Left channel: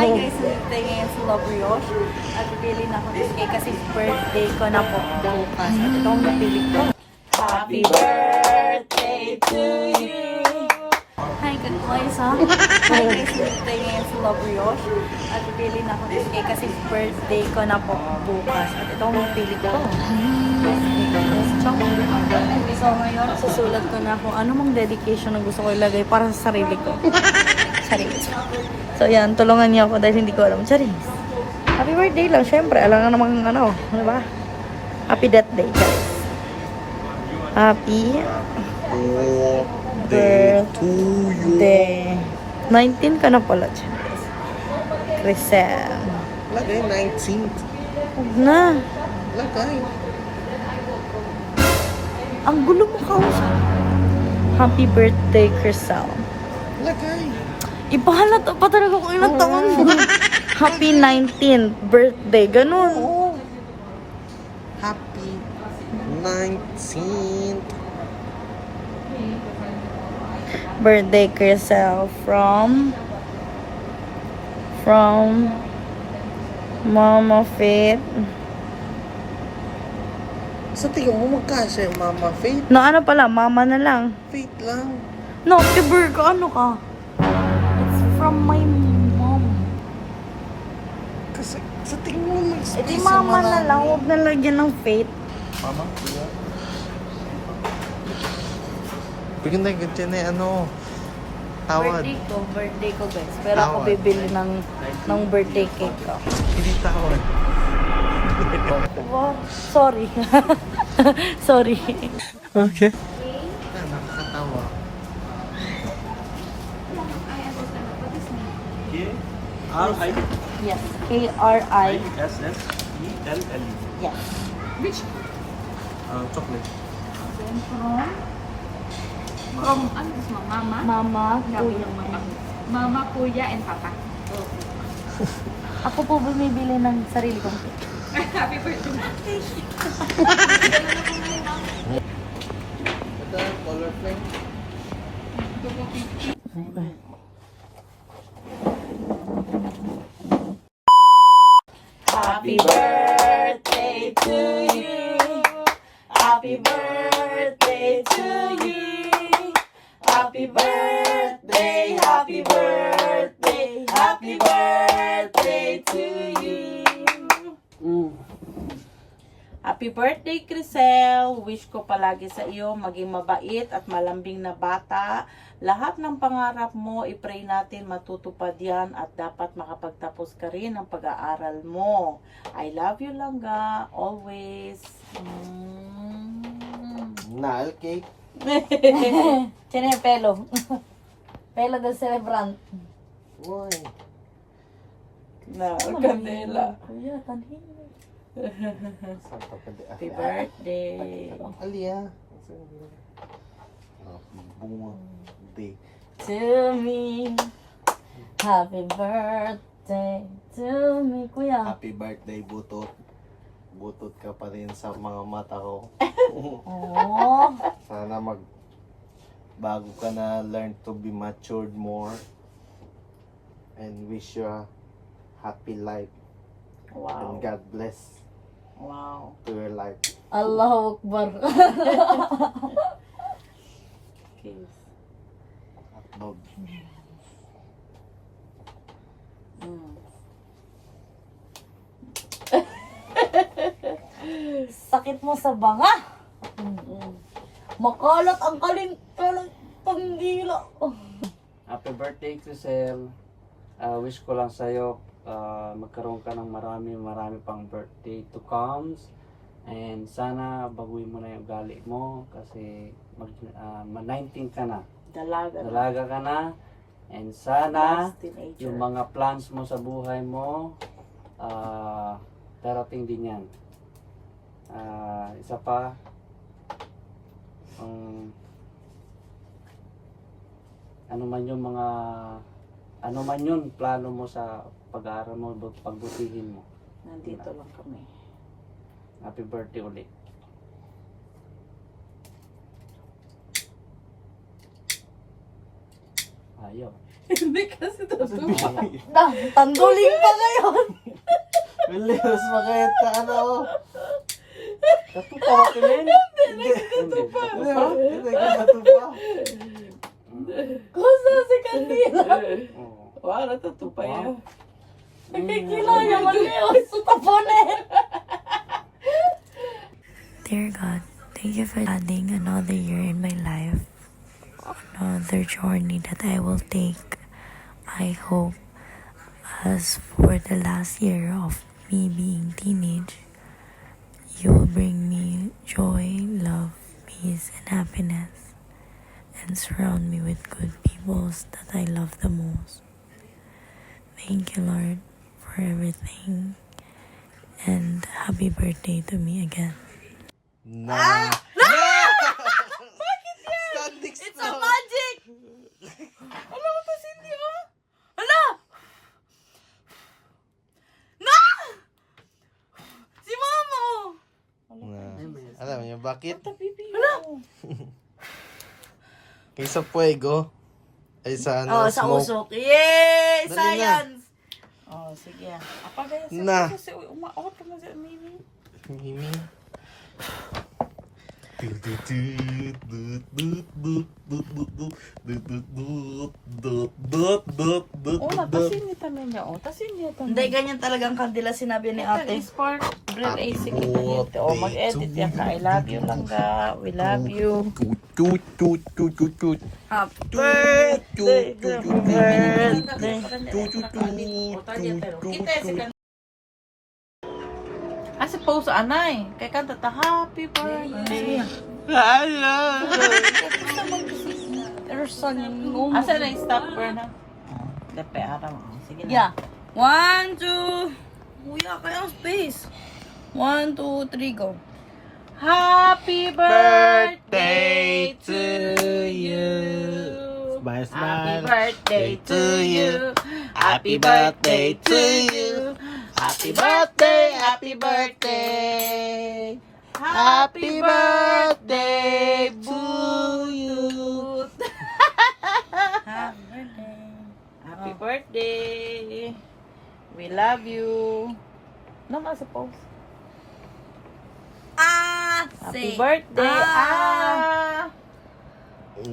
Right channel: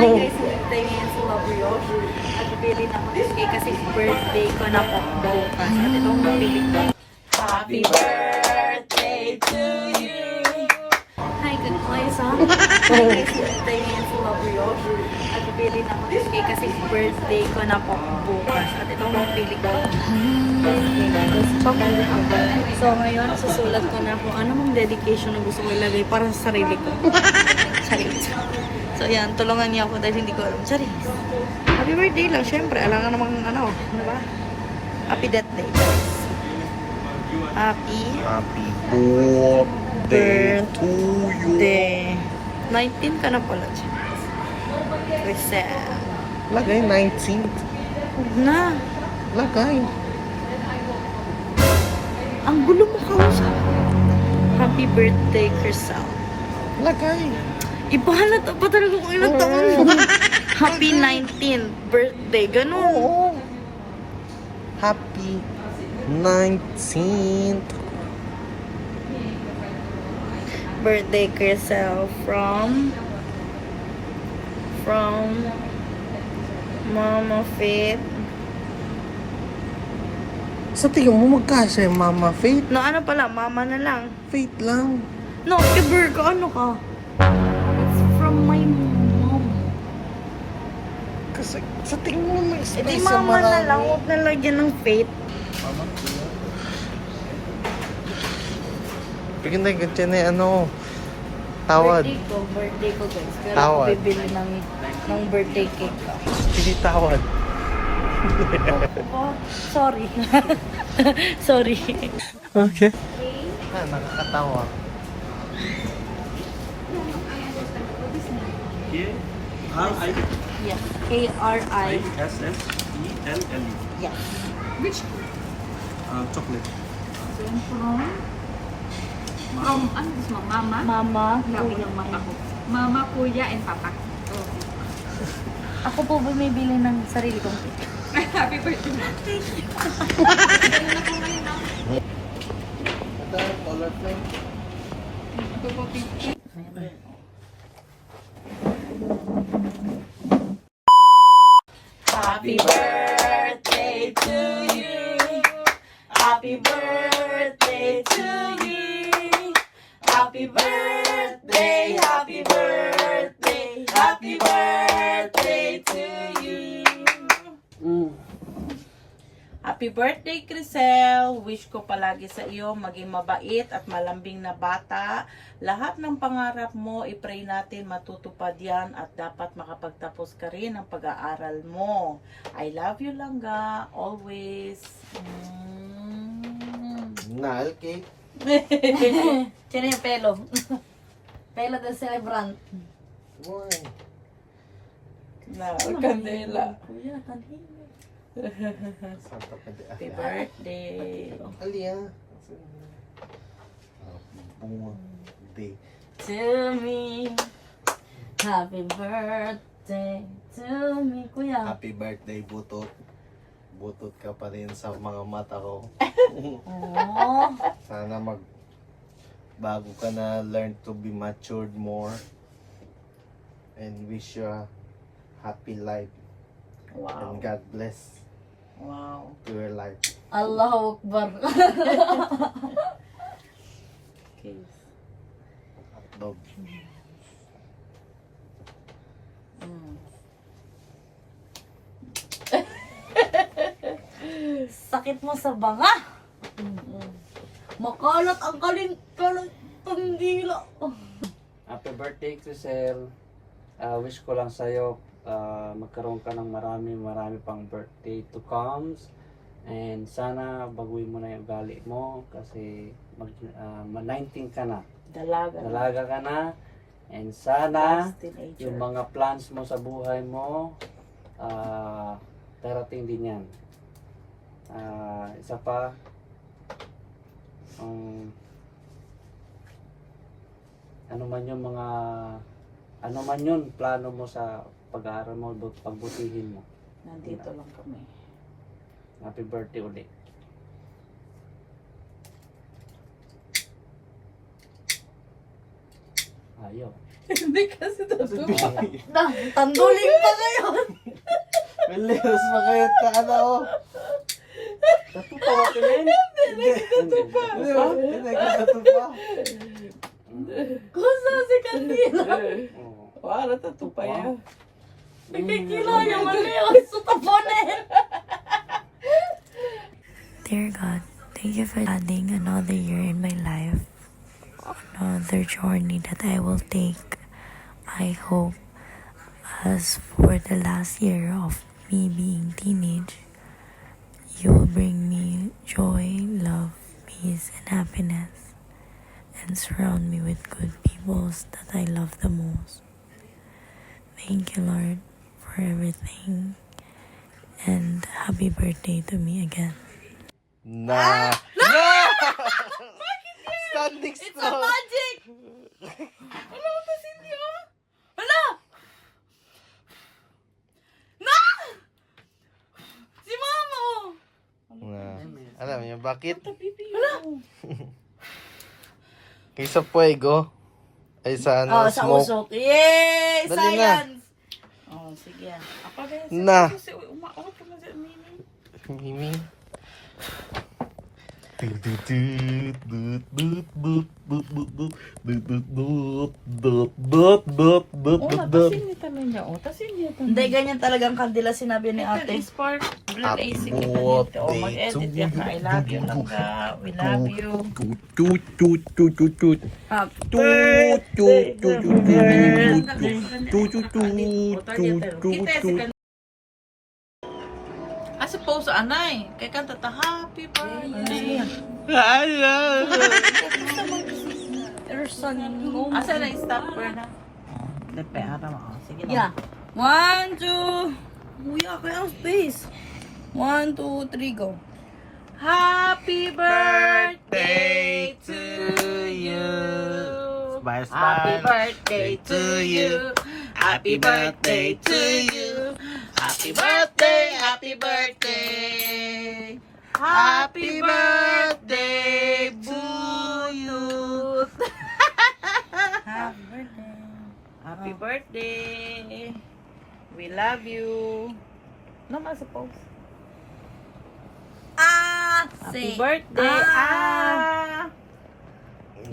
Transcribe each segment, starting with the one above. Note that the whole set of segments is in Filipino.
Hi guys, nandito ngayon sa Mabulos. At pipili na ako ng cake kasi birthday ko na po bukas. At ito ang pipili ko. Happy birthday to you! Hi, good boys ha? Hi guys, nandito ngayon sa Mabulos. At pipili na ako ng cake kasi birthday ko na po bukas. At ito ang pipili ko. So ngayon, susulat ko na kung ano mong dedication na gusto ko ilagay para sa sarili ko. Charis. So yan, tulungan niyo ako dahil hindi ko alam. Charis. Happy birthday lang, syempre. Alam na namang ano ba? Happy that day, guys. Happy Birthday to you. birthday. 19 ka na pala, Charis. Crisel. Lagay 19th. Huwag na. Lagay. Ang gulo mo kausap. Happy birthday, Crisel. Lagay. Ipahalata pa talaga kung ilang taon. Happy 19th birthday. Ganun. Oo. Happy 19th. Birthday, Crisel. From Mama Faith. Sa tingin mo magkasya, Mama Faith? No, ano pala? Mama na lang. Faith lang. No, Iber ka. Ano ka? It's from my mom. Kasi sa tingin mo may Ito space sa mama na marami. lang. Huwag na lagyan ng Faith. Bigyan tayo ganyan na ano. Tawad. Birthday ko guys. Pero Tawad. ako bibili ng birthday cake ko. Hindi tawad. Oh, sorry. Sorry. Okay. Ah, nakakatawa. R-I-S-S-E-L-L. Yes. K-R-I. Yes. Which? Chocolate. From, ano gusto mo? Mama? Mama. Labo ng mata ko. Mama, kuya, and papa. Okay. Ako po bumibili ng sarili kong cake. Happy birthday. Ito, color flame. Ito po, picture. Happy birthday to you. Happy birthday to you. Happy birthday, happy birthday, happy birthday to you. Happy birthday, Crisel. Wish ko palagi sa iyo maging mabait at malambing na bata. Lahat ng pangarap mo, i-pray natin matutupad yan at dapat makapagtapos ka rin ng pag-aaral mo. I love you, Langga. Always. Nail cake. Tiyan yung pelo. Pelo del celebrant. Boy. Na, kandela. Kuya, tanhin. Santa Candela. Happy birthday. Alia. Bunga. Day. To me. Happy birthday to me. Kuya. Happy birthday, Butot. Butot ka pa rin sa mga mata ko. Oh. Sana bago ka na learn to be matured more. And wish you a happy life. Wow. And God bless Wow. to your life. Allahu Akbar. Kiss. Dog. Sakit mo sa banga. Makalat ang pandila. Happy birthday, Crisel. Wish ko lang sa'yo magkaroon ka ng marami pang birthday to comes. And sana baguhin mo na yung ugali mo kasi 19 ka na. Dalaga. Dalaga ka na. And sana Last teenager. yung mga plans mo sa buhay mo darating din yan. Isa pa, ano man yun plano mo sa pag-aaral mo, pagbutihin mo. Nandito lang kami. Happy birthday ulit. Ayaw. Hindi kasi tatupa. Tanggulin pa ngayon. Bilis, makayat ka ano. Tatupa ba kinin? Hindi. Hindi ka natupa. Kusa si Kandila. Oo. Wala tatupa yan. Mm. Kilo yaman niyo. Sutapone. Dear God, thank you for adding another year in my life, another journey that I will take. I hope, as for the last year of me being teenage, you will bring me joy, love, peace, and happiness, and surround me with good people that I love the most. Thank you, Lord, for everything, and happy birthday to me again. Na! Standing It's a strong. magic! Ano mo to, Cindy, oh? Hala! Na! Si Mama, oh! Na. Alam niyo bakit? Hala! Kaysa fuego ay sa ano, Oh, sa smoke. usok. Yay! Dali na. Science! Oh, sige. Na. Mimi. Hindi, ganyan talagang kandila sinabi ni ate. Happy birthday to you. I love you lang ka. We love you. Tut, tut, tut, tut, tut. Happy Tut, tut, tut, tut, tut, tut, tut, tut, tut. I suppose, anay. Kaya kanta ta, happy birthday. Person mo. Asa na yung stop na? Lepe, sige na. Yeah. 1, 2. Uya, kaya ang space. 1, 2, 3, go. Happy birthday to you. Smile, Happy smile. birthday to you. Happy birthday to you. Happy birthday, happy birthday. Happy birthday to you. Happy birthday. Happy birthday. We love you. Naman sa post. Happy birthday.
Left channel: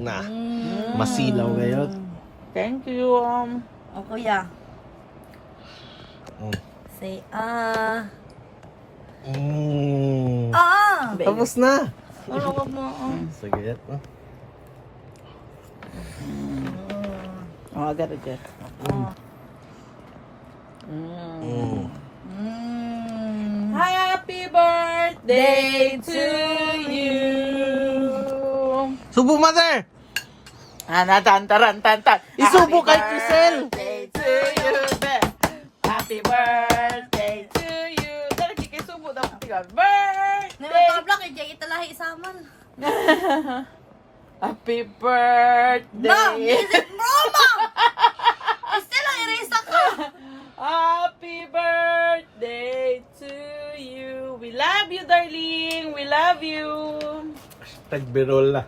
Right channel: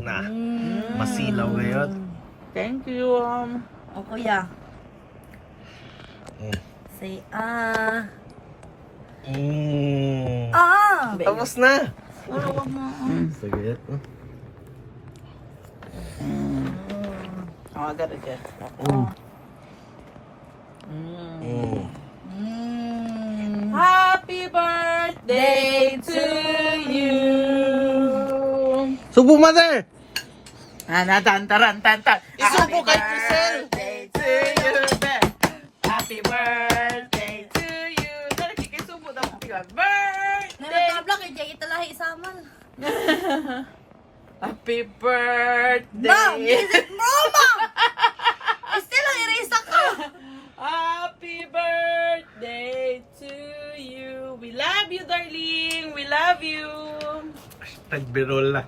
Na. Masilaw ngayon. Thank you. Oh, kuya. Say Tapos na. Pero wag mo. Sige. Oh, agad agad. Happy birthday to you. Subo, mother! Taran. Isubo kay Crisel! Happy birthday to you. Happy birthday to you. Dali kay subo daw. Happy birthday. Nanatabla kay Jay italahi isaman. Happy birthday. Mom, isip mo, Mom! Still ang erasa ka. Happy birthday to you. We love you, darling. We love you. Tagbirol na.